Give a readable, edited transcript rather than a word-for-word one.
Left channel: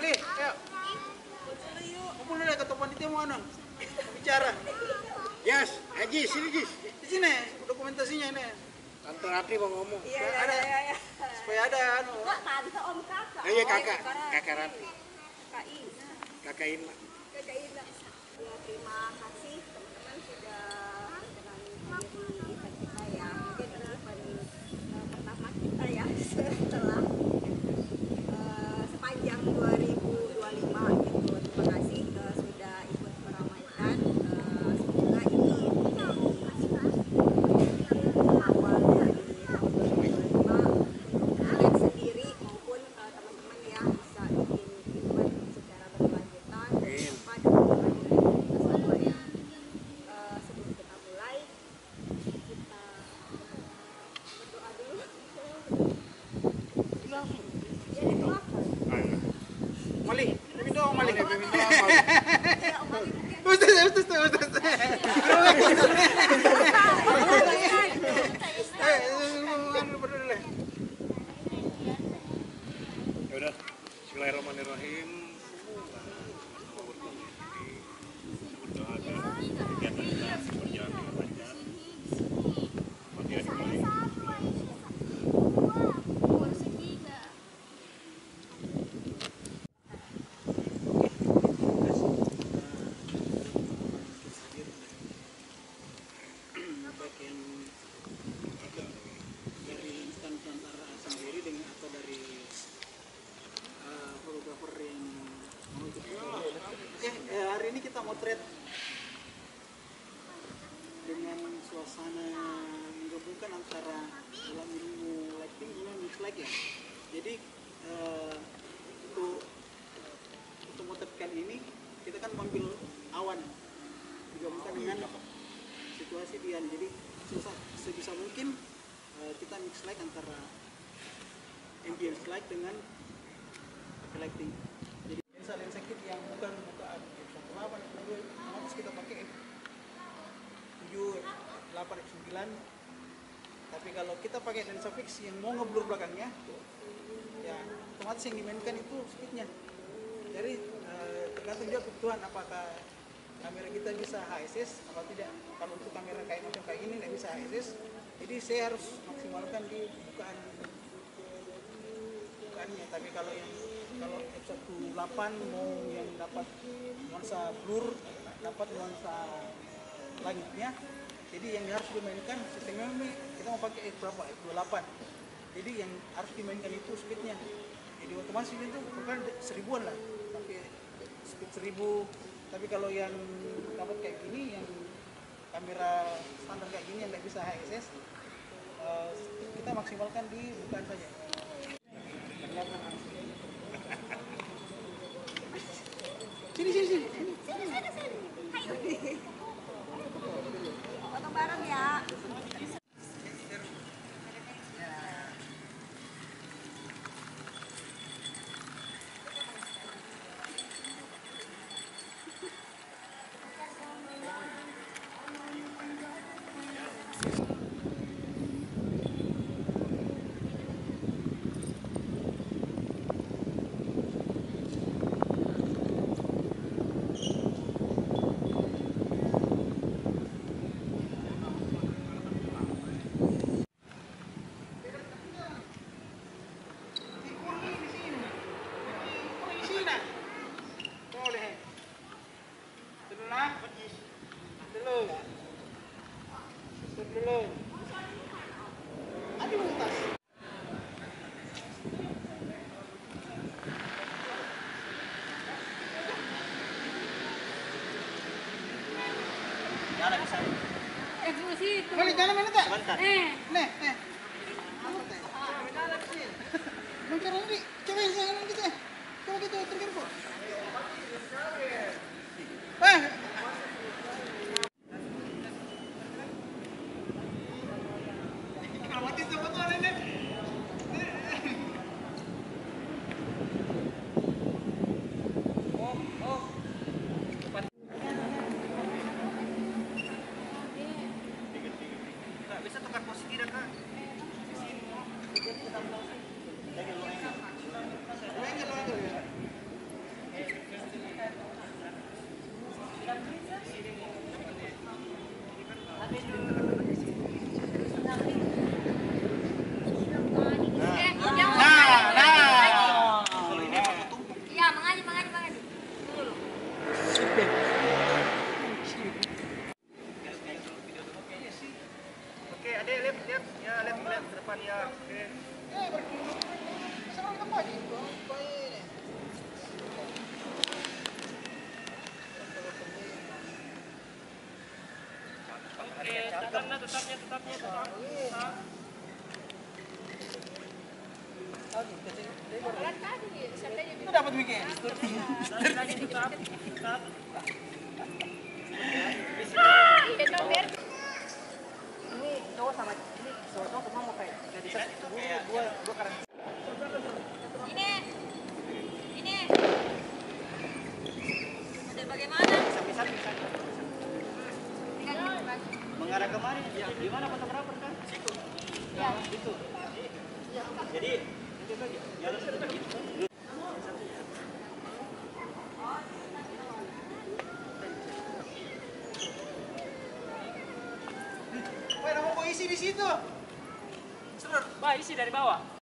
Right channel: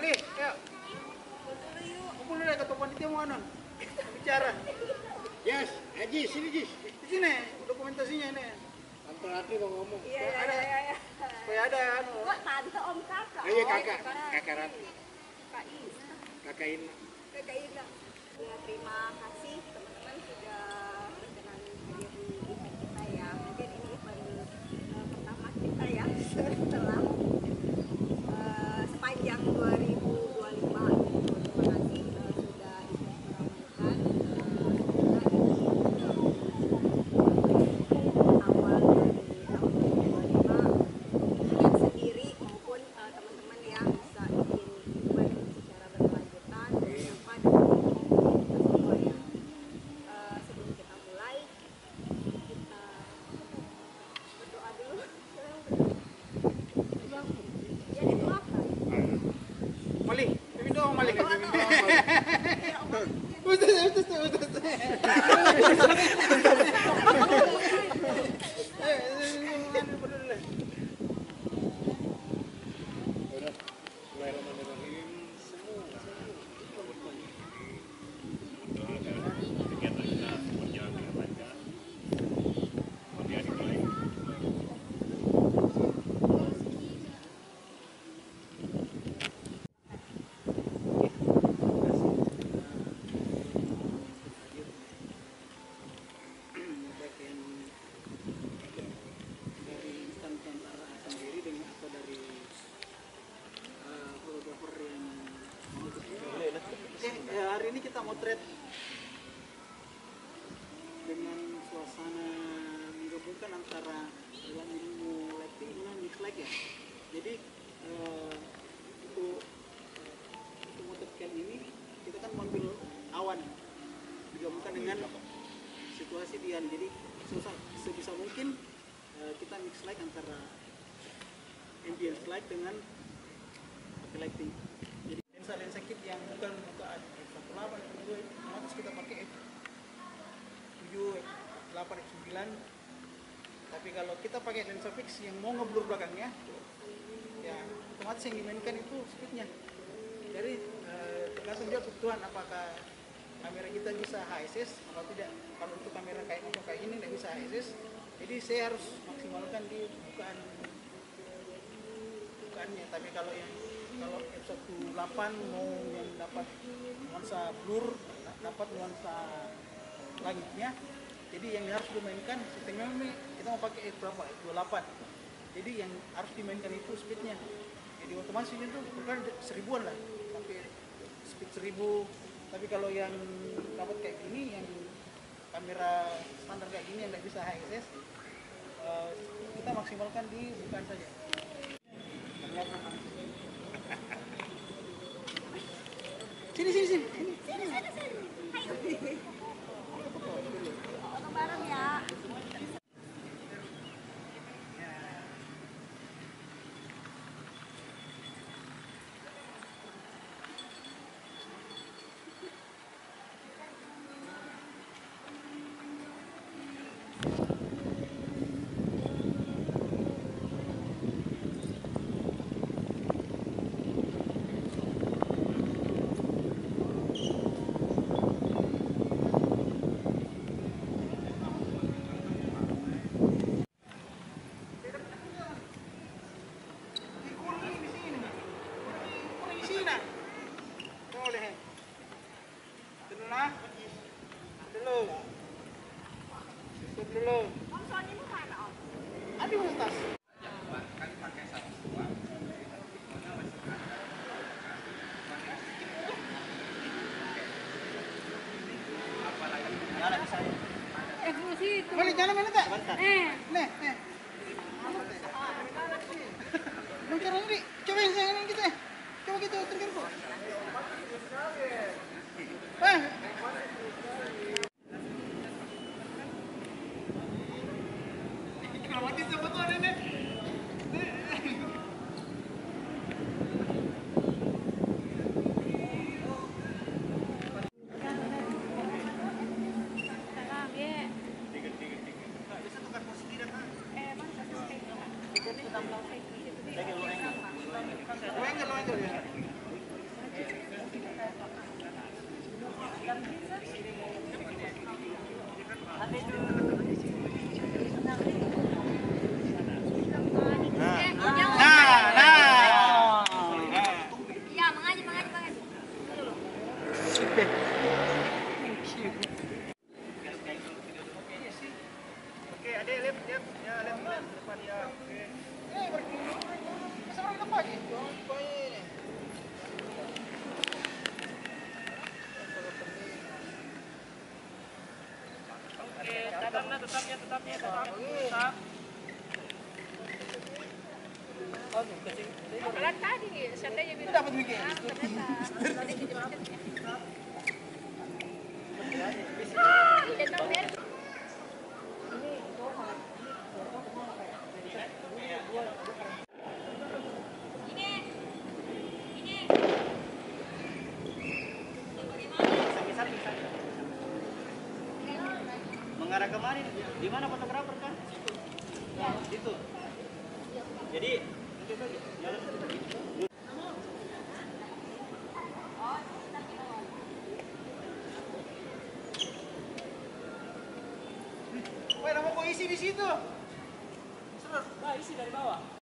Mali, ayo. Kumpul dulu ketua panitia mau anu. Bicara. Yes, Haji, sini Ji. Di sini dokumentasinya ini. Tante Ratri mau ngomong. Iya. Supaya ada anu. Kok tante om kakak? Iya kakak Ratri. Kakak Ina. Kakak Ina. Kakak Ina. Ya terima kasih teman-teman sudah berkenan hadir di event kita ya. Mungkin ini event pertama kita ya setelah sepanjang 2025 gitu. Terima kasih sudah ikut meramaikan. Semoga ini awal dari tahun 2025 untuk kalian sendiri maupun teman-teman yang bisa bikin event secara berkelanjutan dan tanpa dukungan dari kita semua ya. Sebelum kita mulai, kita berdoa dulu. Ya didoakan. Mali, pimpin doang Mali. Ya, Om Ali mungkin. Ustaz. Ya udah. Bismillahirrahmanirrahim. Semua berkumpul di sini. Kita berdoa agar kegiatan kita berjalan dengan lancar. Fatihah dimulai. Bagian dari instan antara sendiri dengan atau dari fotografer yang mau ikut. Hari ini kita mau trade dengan suasana menggabungkan antara dalam ilmu lighting dengan mix light ya. Jadi untuk motret kali ini kita kan mengambil awan digabungkan dengan situasi Dian. Jadi sebisa mungkin kita mix light antara ambience light dengan pakai lighting. Jadi lensa kit yang bukan bukaan f1.8, f2, otomatis kita pakai f7, f8, f9. Tapi kalau kita pakai lensa fix yang mau ngeblur belakangnya, ya otomatis yang dimainkan itu speednya. Jadi tergantung juga kebutuhan apakah kamera kita bisa HSS atau tidak. Kalau untuk kamera kayak macam kayak ini tidak bisa HSS, jadi saya harus maksimalkan di bukaannya. Tapi kalau f1.8 mau yang dapat nuansa blur, dapat nuansa langitnya, jadi yang harus dimainkan sistemnya kita mau pakai f28. Jadi yang harus dimainkan itu speednya. Jadi otomatis itu bukan 1000-an lah, sampai speed 1000. Tapi kalau yang dapat kayak gini, yang kamera standar kayak gini yang tidak bisa HSS, kita maksimalkan di bukaan saja. Sini. Ayo. Foto bareng ya. Dulu. Ada di tas. Jalan bisa. Situ. Boleh jalan mana tak? Sebentar. Nih. Mau jalan ni. Coba yang jalan kita. Coba kita tergerak. Mati sebetulnya nenek. Bisa tukar posisi dah kan? Kan tadi seandainya Itu dapat weekend. iya dong biar Ini cowok sama ini cowok mau kayak nggak bisa gua karena Ini ada bagaimana? samping saja. Mengarah kemari, di mana fotografer kan? Situ. Ya, itu. Jadi itu aja, jalan seperti itu. Woi, nama kok isi di situ? Bah, isi dari bawah.